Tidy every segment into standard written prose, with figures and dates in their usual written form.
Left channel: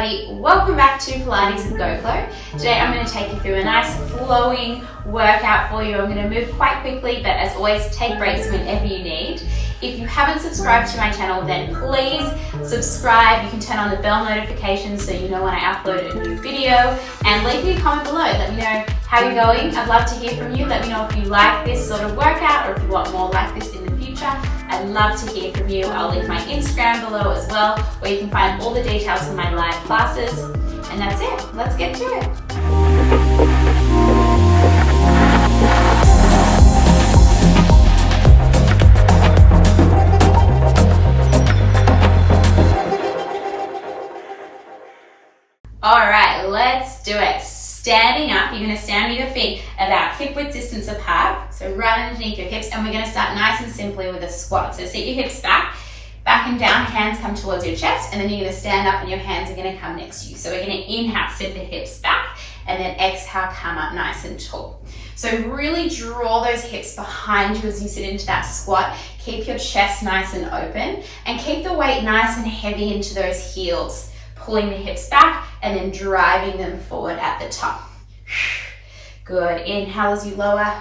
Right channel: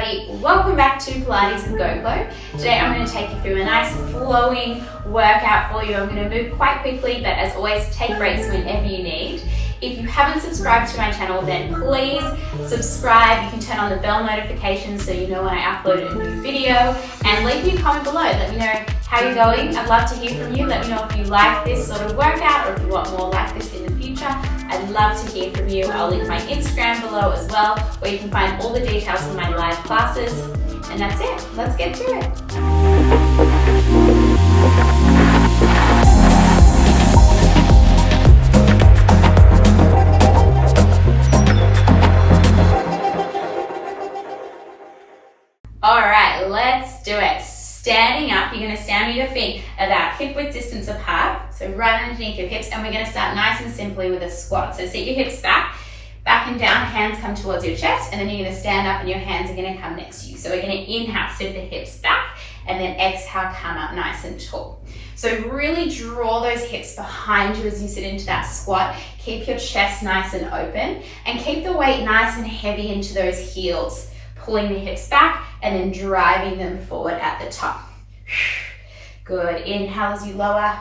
everybody, welcome back to Pilates with Go Chlo. Today I'm going to take you through a nice flowing workout for you. I'm going to move quite quickly, but as always, take breaks whenever you need. If you haven't subscribed to my channel, then please subscribe. You can turn on the bell notifications so you know when I upload a new video, and leave me a comment below. Let me know how you're going. I'd love to hear from you. Let me know if you like this sort of workout or if you want more like this in the future. I'd love to hear from you. I'll link my Instagram below as well, where you can find all the details for my live classes. And that's it. Let's get to it. All right, let's do it. Standing up, you're going to stand with your feet about hip width distance apart, so right underneath your hips, and we're going to start nice and simply with a squat. So sit your hips back and down, hands come towards your chest, and then you're going to stand up and your hands are going to come next to you. So we're going to inhale, sit the hips back, and then exhale, come up nice and tall. So really draw those hips behind you as you sit into that squat. Keep your chest nice and open, and keep the weight nice and heavy into those heels, pulling the hips back and then driving them forward at the top. Good. Inhale as you lower,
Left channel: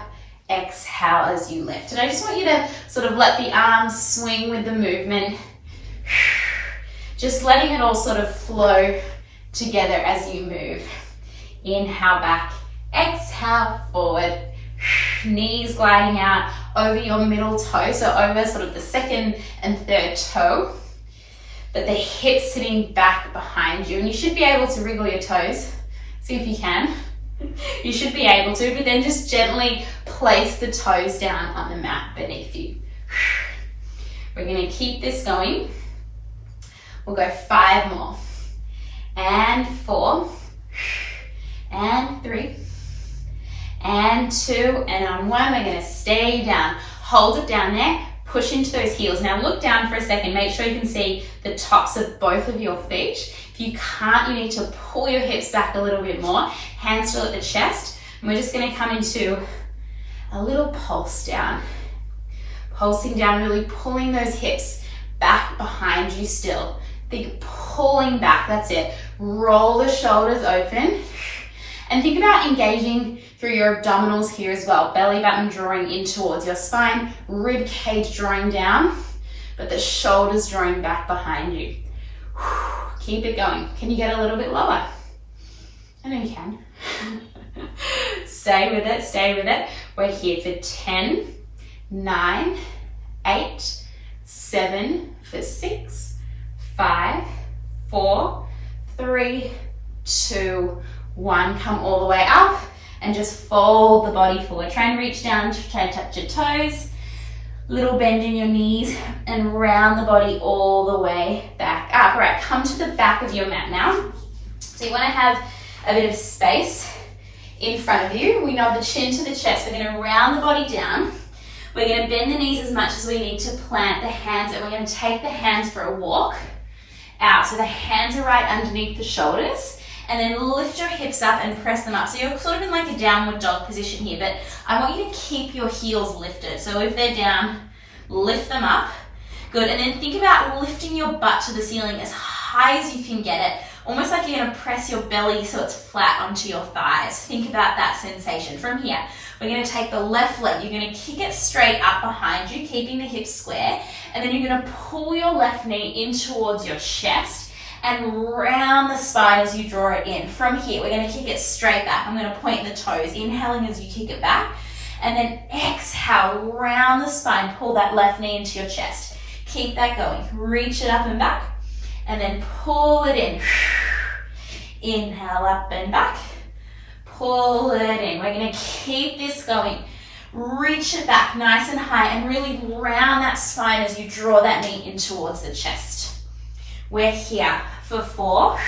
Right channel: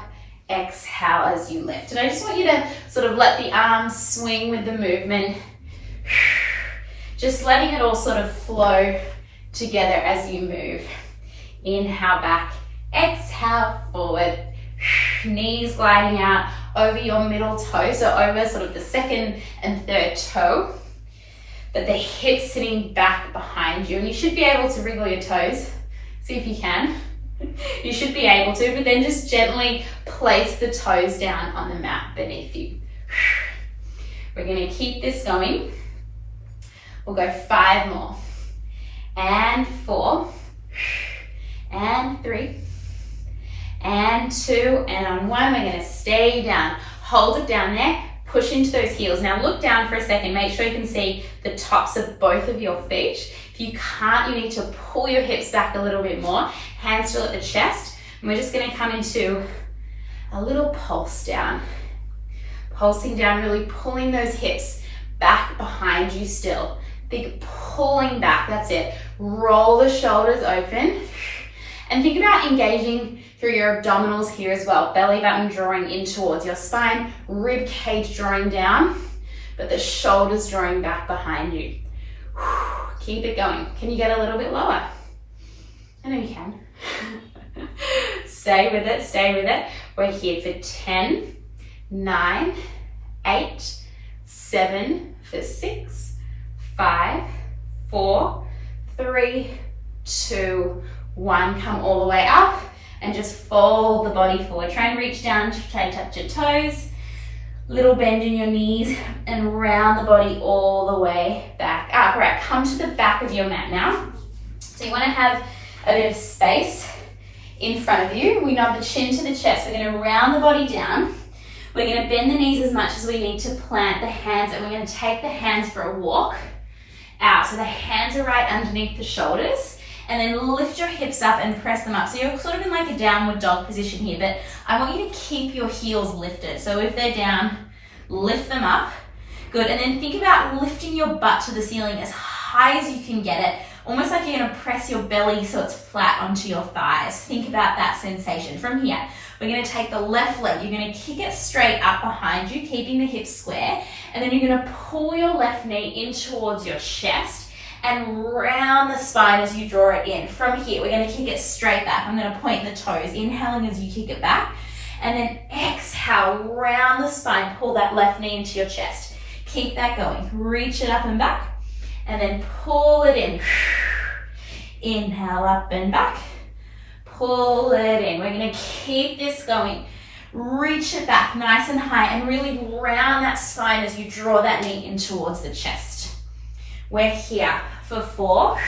exhale as you lift. And I just want you to sort of let the arms swing with the movement. Just letting it all sort of flow together as you move. Inhale back, exhale forward. Knees gliding out over your middle toe, so over sort of the second and third toe. But the hips sitting back behind you, and you should be able to wriggle your toes. See if you can. You should be able to, but then just gently place the toes down on the mat beneath you. We're going to keep this going. We'll go 5 more. And 4. And 3. And 2. And on 1, we're going to stay down. Hold it down there. Push into those heels. Now look down for a second. Make sure you can see the tops of both of your feet. If you can't, you need to pull your hips back a little bit more. Hands still at the chest. And we're just going to come into a little pulse down. Pulsing down, really pulling those hips back behind you still. Think pulling back, that's it. Roll the shoulders open. And think about engaging through your abdominals here as well. Belly button drawing in towards your spine, rib cage drawing down, but the shoulders drawing back behind you. Keep it going. Can you get a little bit lower? I know you can. Stay with it, stay with it. We're here for 10, 9, 8, 7, for 6, 5, 4, 3, 2, 1. Come all the way up and just fold the body forward. Try and reach down to try and touch your toes. Little bend in your knees and round the body all the way back up. All right, come to the back of your mat now. So you want to have a bit of space in front of you. We nod the chin to the chest. We're going to round the body down. We're going to bend the knees as much as we need to plant the hands, and we're going to take the hands for a walk out. So the hands are right underneath the shoulders. And then lift your hips up and press them up. So you're sort of in like a downward dog position here, but I want you to keep your heels lifted. So if they're down, lift them up. Good, and then think about lifting your butt to the ceiling as high as you can get it, almost like you're gonna press your belly so it's flat onto your thighs. Think about that sensation. From here, we're gonna take the left leg, you're gonna kick it straight up behind you, keeping the hips square, and then you're gonna pull your left knee in towards your chest, and round the spine as you draw it in. From here, we're going to kick it straight back. I'm going to point the toes, inhaling as you kick it back, and then exhale, round the spine, pull that left knee into your chest. Keep that going. Reach it up and back, and then pull it in. Inhale up and back, pull it in. We're going to keep this going. Reach it back nice and high, and really round that spine as you draw that knee in towards the chest. We're here for 4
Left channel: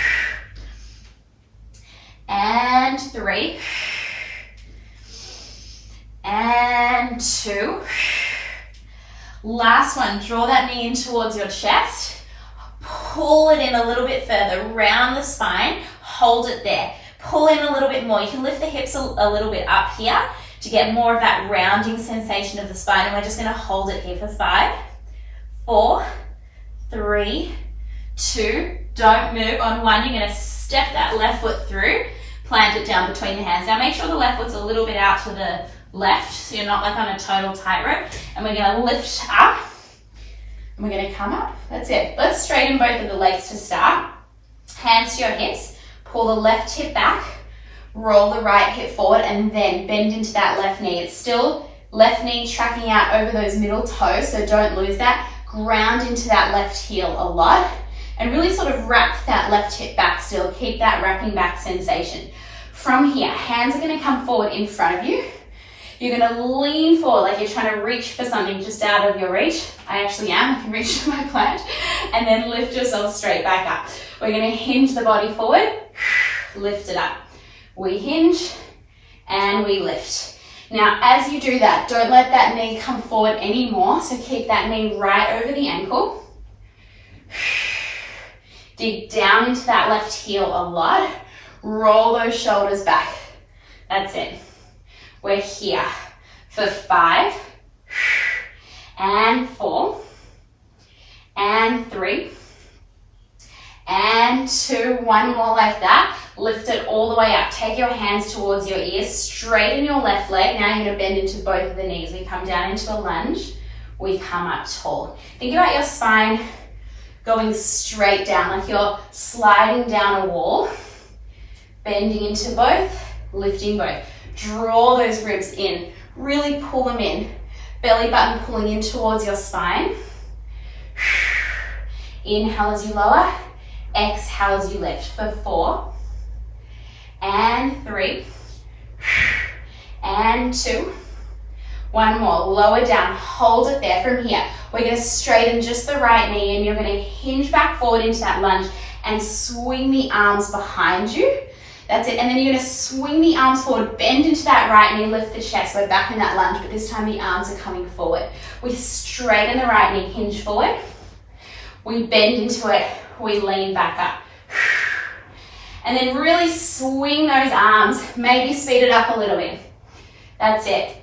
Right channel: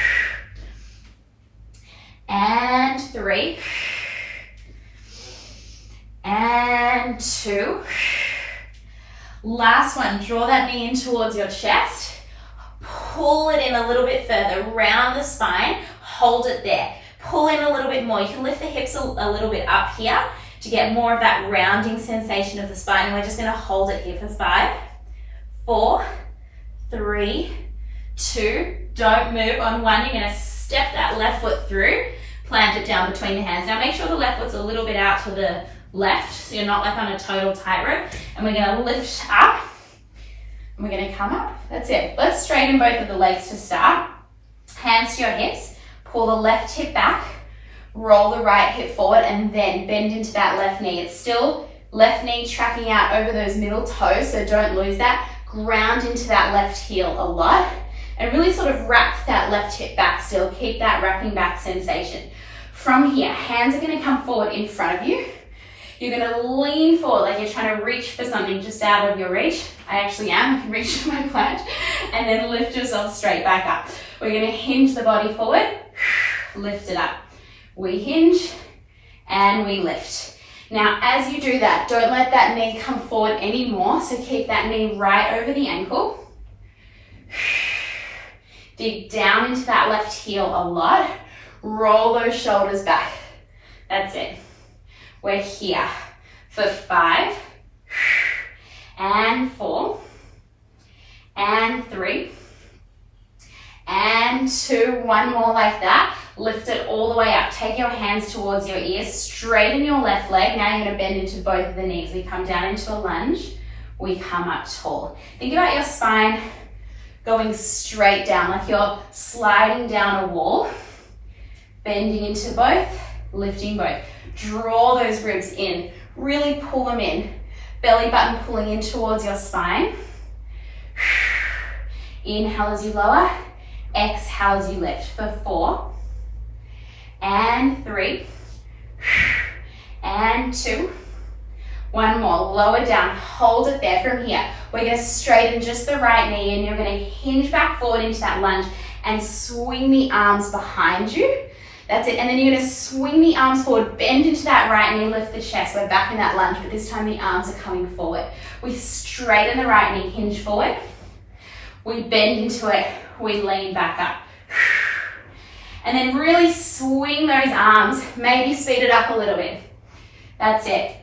and 3 and 2. Last one, draw that knee in towards your chest. Pull it in a little bit further, round the spine, hold it there. Pull in a little bit more. You can lift the hips a little bit up here to get more of that rounding sensation of the spine, and we're just going to hold it here for 5, 4, 3, 2, Don't move. On one, you're gonna step that left foot through, plant it down between the hands. Now make sure the left foot's a little bit out to the left, so you're not like on a total tightrope. And we're gonna lift up, and we're gonna come up. That's it. Let's straighten both of the legs to start. Hands to your hips, pull the left hip back, roll the right hip forward, and then bend into that left knee. It's still left knee tracking out over those middle toes, so don't lose that. Ground into that left heel a lot, and really sort of wrap that left hip back still. Keep that wrapping back sensation. From here, hands are gonna come forward in front of you. You're gonna lean forward like you're trying to reach for something just out of your reach. I actually am, I can reach to my plant. And then lift yourself straight back up. We're gonna hinge the body forward, lift it up. We hinge and we lift. Now, as you do that, don't let that knee come forward anymore. So keep that knee right over the ankle. Dig down into that left heel a lot. Roll those shoulders back. That's it. We're here for 5 and 4 and 3 and 2. One more like that. Lift it all the way up. Take your hands towards your ears. Straighten your left leg. Now you're going to bend into both of the knees. We come down into a lunge. We come up tall. Think about your spine going straight down, like you're sliding down a wall. Bending into both, lifting both. Draw those ribs in. Really pull them in. Belly button pulling in towards your spine. Inhale as you lower. Exhale as you lift for 4 and 3 and 2. One more. Lower down. Hold it there. From here, we're going to straighten just the right knee, and you're going to hinge back forward into that lunge and swing the arms behind you. That's it. And then you're going to swing the arms forward, bend into that right knee, lift the chest. We're back in that lunge, but this time the arms are coming forward. We straighten the right knee, hinge forward. We bend into it. We lean back up. And then really swing those arms. Maybe speed it up a little bit. That's it.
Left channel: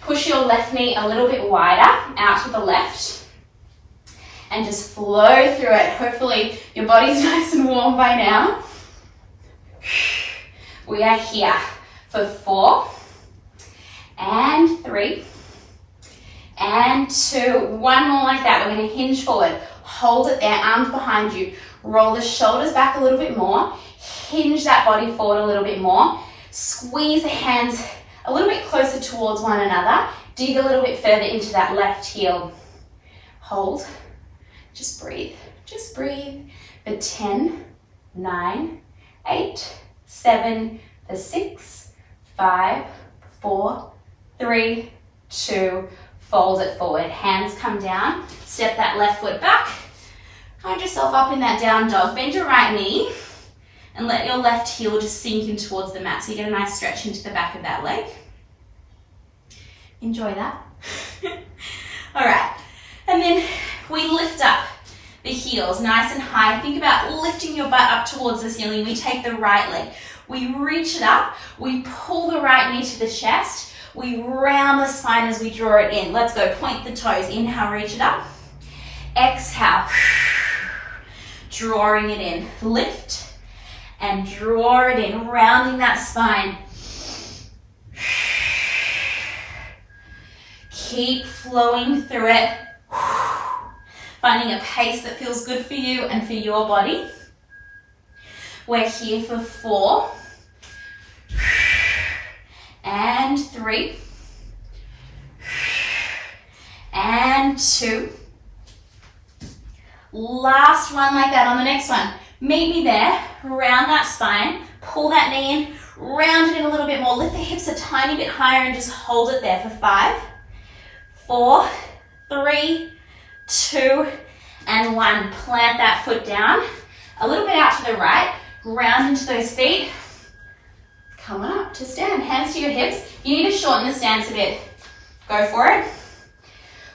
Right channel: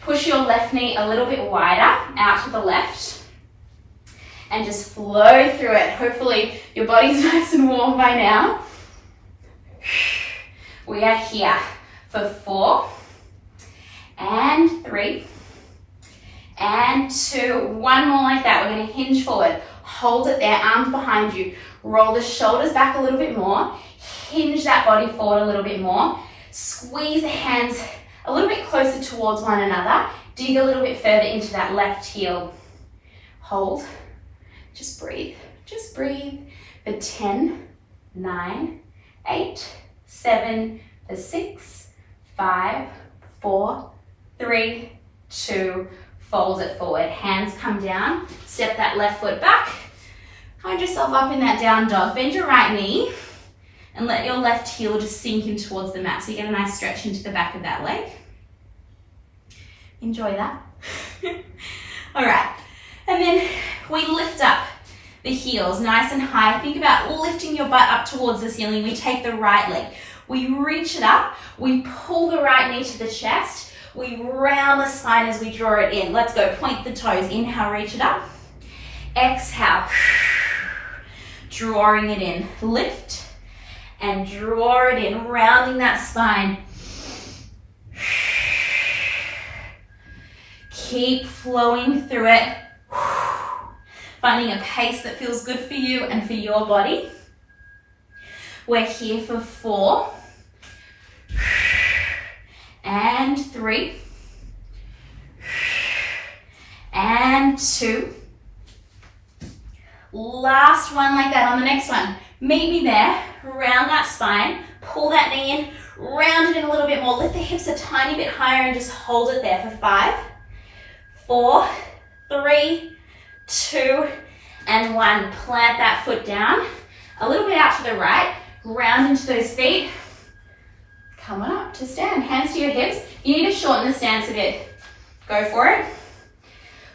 Push your left knee a little bit wider out to the left. And just flow through it. Hopefully your body's nice and warm by now. We are here for 4 and 3 and 2. One more like that. We're going to hinge forward. Hold it there, arms behind you. Roll the shoulders back a little bit more. Hinge that body forward a little bit more. Squeeze the hands a little bit closer towards one another. Dig a little bit further into that left heel. Hold. Just breathe. Just breathe. For 10, 9, 8, 7, for 6, 5, 4, 3, 2, fold it forward. Hands come down. Step that left foot back. Find yourself up in that down dog. Bend your right knee and let your left heel just sink in towards the mat. So you get a nice stretch into the back of that leg. Enjoy that. All right. And then we lift up the heels nice and high. Think about lifting your butt up towards the ceiling. We take the right leg. We reach it up. We pull the right knee to the chest. We round the spine as we draw it in. Let's go. Point the toes. Inhale, reach it up. Exhale. Drawing it in. Lift and draw it in. Rounding that spine. Keep flowing through it. Finding a pace that feels good for you and for your body. We're here for 4 and 3 and 2. Last one like that on the next one. Meet me there, round that spine, pull that knee in, round it in a little bit more, lift the hips a tiny bit higher and just hold it there for 5, 4, 3, 2, and 1. Plant that foot down, a little bit out to the right, ground into those feet. Come on up to stand, hands to your hips. You need to shorten the stance a bit. Go for it.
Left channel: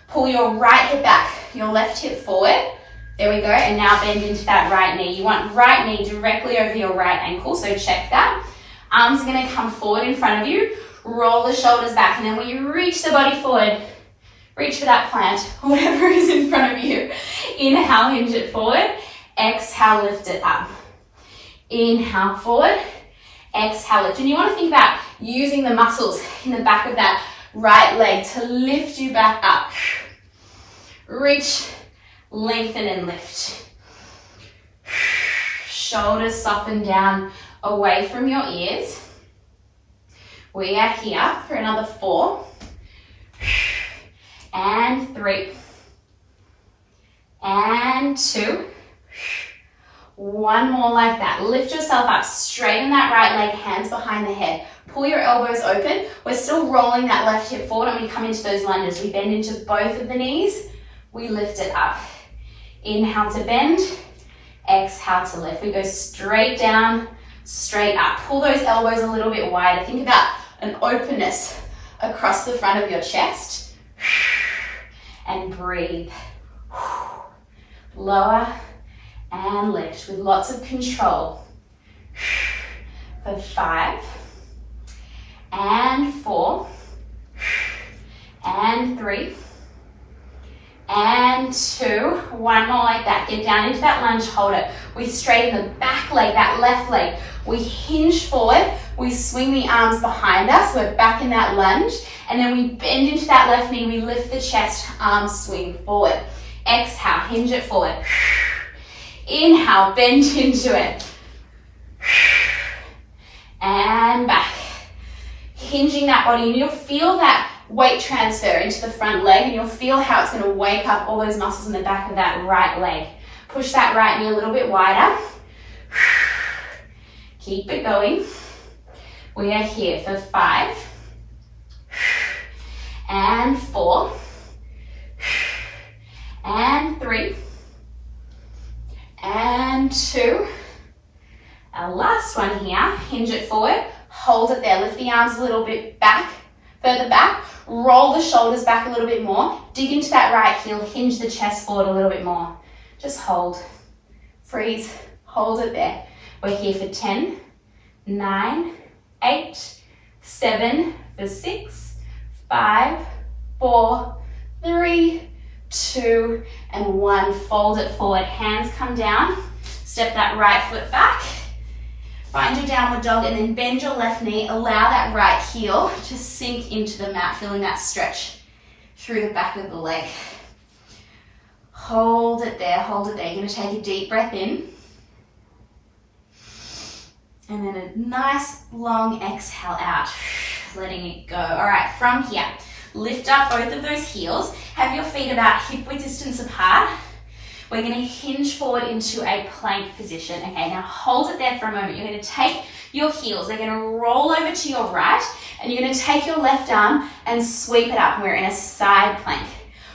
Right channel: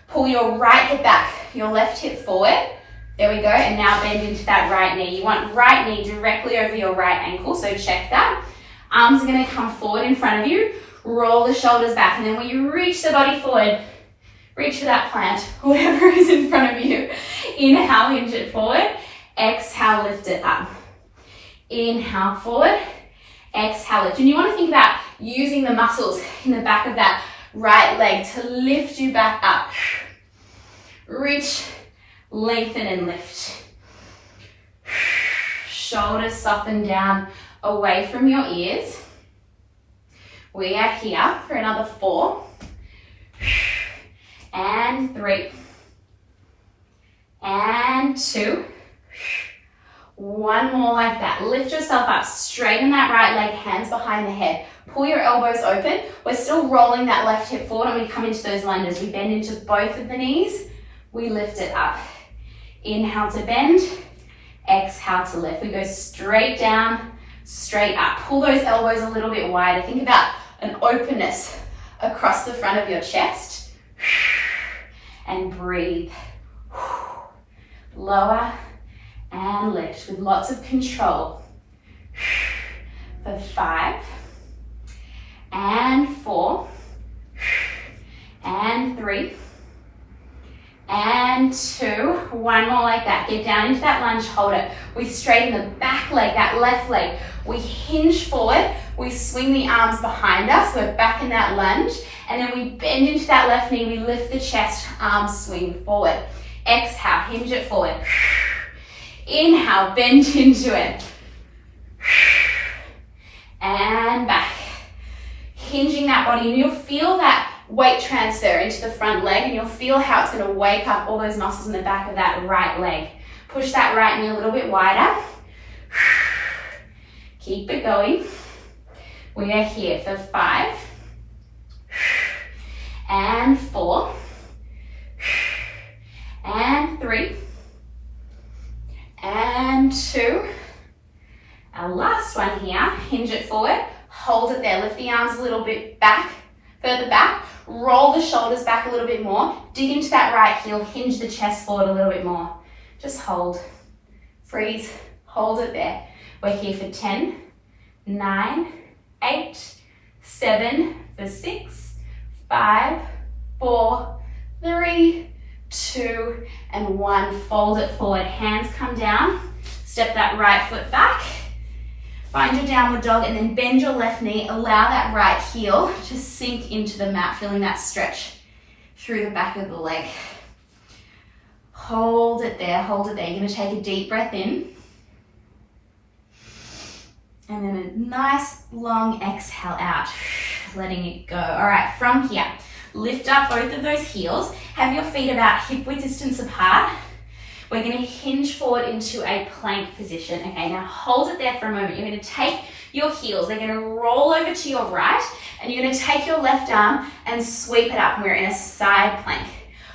Pull your right hip back, your left hip forward. There we go, and now bend into that right knee. You want right knee directly over your right ankle, so check that. Arms are gonna come forward in front of you. Roll the shoulders back, and then when you reach the body forward, reach for that plant, whatever is in front of you. Inhale, hinge it forward. Exhale, lift it up. Inhale, forward. Exhale, lift. And you want to think about using the muscles in the back of that right leg to lift you back up. Reach, lengthen and lift. Shoulders soften down away from your ears. We are here for another 4 and 3 and 2. One more like that. Lift yourself up, straighten that right leg, hands behind the head. Pull your elbows open. We're still rolling that left hip forward. I'm going to come into those lunges. We bend into both of the knees. We lift it up. Inhale to bend. Exhale to lift. We go straight down, straight up. Pull those elbows a little bit wider. Think about an openness across the front of your chest. And breathe. Lower and lift with lots of control. For 5 and 4 and 3 and 2. One more like that. Get down into that lunge, hold it. We straighten the back leg, that left leg. We hinge forward. We swing the arms behind us. We're back in that lunge. And then we bend into that left knee. We lift the chest, arms swing forward. Exhale, hinge it forward. Inhale, bend into it. And back. Hinging that body, and you'll feel that weight transfer into the front leg, and you'll feel how it's going to wake up all those muscles in the back of that right leg. Push that right knee a little bit wider. Keep it going. We are here for 5 and 4 and 3 and 2. Our last one here, hinge it forward, hold it there, lift the arms a little bit back, further back, roll the shoulders back a little bit more, dig into that right heel, hinge the chest forward a little bit more. Just hold, freeze, hold it there. We're here for 10, 9, 8, 7, for 6, 5, 4, 3, 2, and 1. Fold it forward, hands come down, step that right foot back, find your downward dog, and then bend your left knee, allow that right heel to sink into the mat, feeling that stretch through the back of the leg. Hold it there, hold it there. You're going to take a deep breath in, and then a nice long exhale out, letting it go. All right, from here, lift up both of those heels, have your feet about hip width distance apart. We're going to hinge forward into a plank position. Okay, now hold it there for a moment. You're going to take your heels, they're going to roll over to your right, and you're going to take your left arm and sweep it up. We're in a side plank.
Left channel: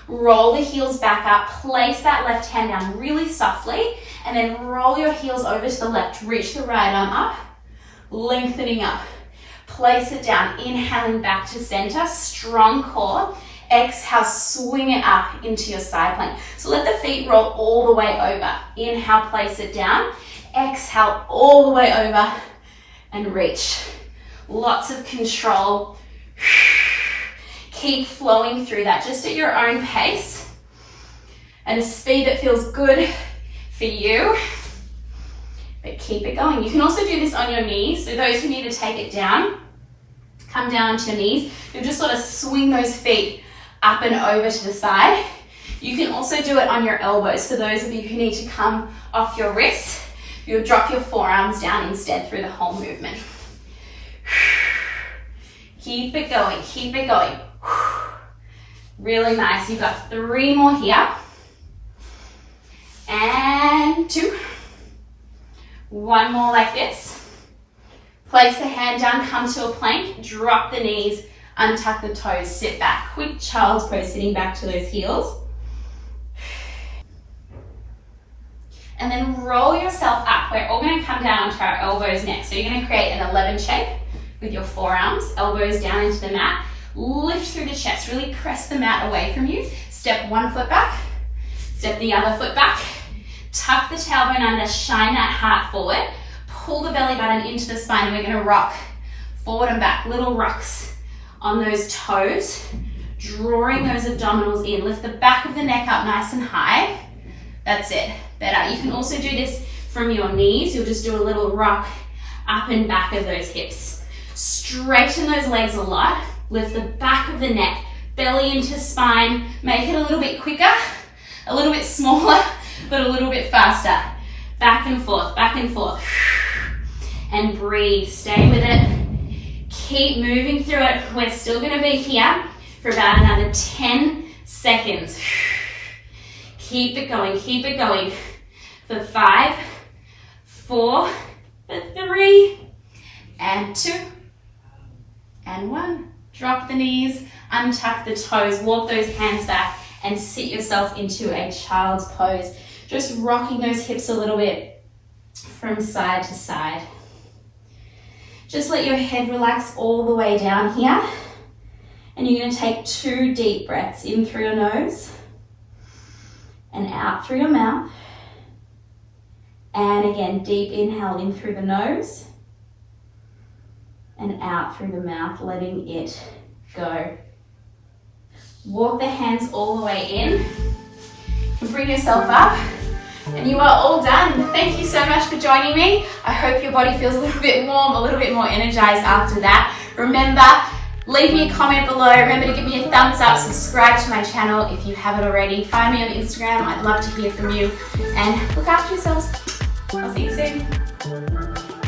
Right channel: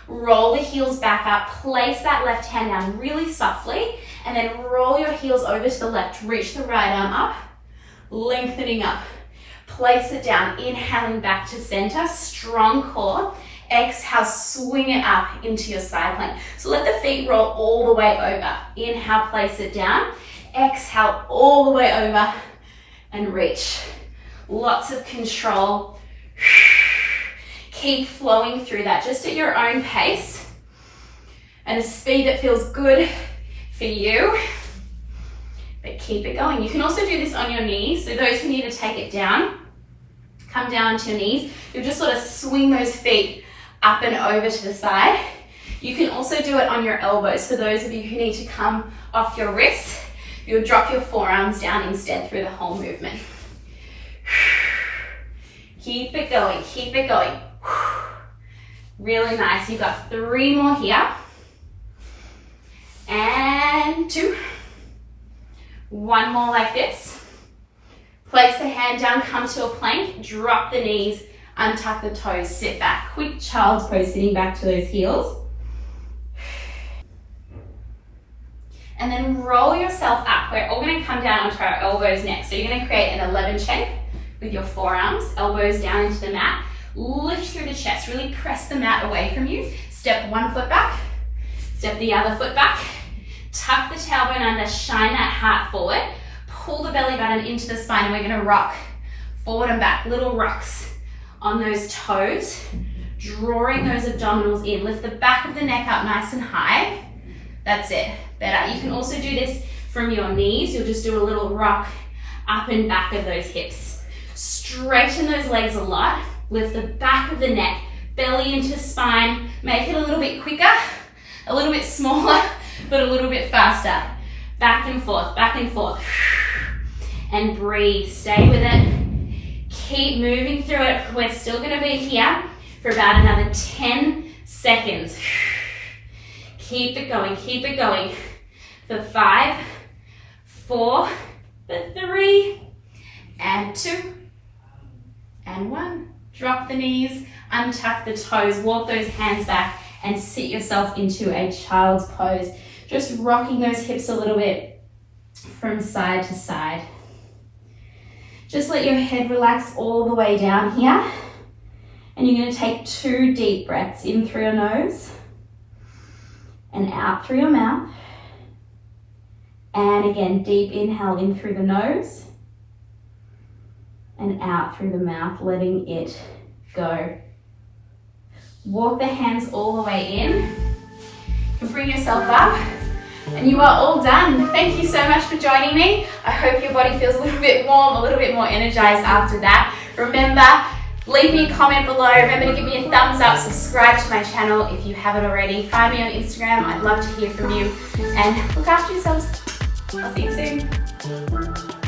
Roll the heels back up, place that left hand down really softly, and then roll your heels over to the left. Reach the right arm up, lengthening up. Place it down, inhaling back to center, strong core. Exhale, swing it up into your side plank. So let the feet roll all the way over. Inhale, place it down. Exhale, all the way over and reach. Lots of control. Keep flowing through that just at your own pace and a speed that feels good for you. But keep it going. You can also do this on your knees. So those who need to take it down, come down onto your knees. You'll just sort of swing those feet up and over to the side. You can also do it on your elbows. For those of you who need to come off your wrists, you'll drop your forearms down instead through the whole movement. Keep it going, keep it going. Really nice. You've got 3 more here. And 2. 1 more like this. Place the hand down, come to a plank, drop the knees, untuck the toes, sit back. Quick child's pose, sitting back to those heels. And then roll yourself up. We're all going to come down onto our elbows next. So you're going to create an 11 shape with your forearms, elbows down into the mat. Lift through the chest, really press the mat away from you. Step 1 foot back, step the other foot back. Tuck the tailbone under, shine that heart forward. Pull the belly button into the spine, and we're going to rock forward and back, little rocks on those toes, drawing those abdominals in. Lift the back of the neck up nice and high. That's it. better. You can also do this from your knees. You'll just do a little rock up and back of those hips. Straighten those legs a lot. Lift the back of the neck, belly into spine. Make it a little bit quicker, a little bit smaller, but a little bit faster. Back and forth, back and forth. And breathe, stay with it. Keep moving through it. We're still gonna be here for about another 10 seconds. Keep it going for 5, 4, for 3, and 2, and 1. Drop the knees, untuck the toes, walk those hands back, and sit yourself into a child's pose. Just rocking those hips a little bit from side to side. Just let your head relax all the way down here. And you're going to take 2 deep breaths in through your nose and out through your mouth. And again, deep inhale in through the nose and out through the mouth, letting it go. Walk the hands all the way in. And bring yourself up. And you are all done. Thank you so much for joining me. I hope your body feels a little bit warm, a little bit more energized after that. Remember, leave me a comment below. Remember to give me a thumbs up. Subscribe to my channel if you haven't already. Find me on Instagram. I'd love to hear from you. And look after yourselves. I'll see you soon.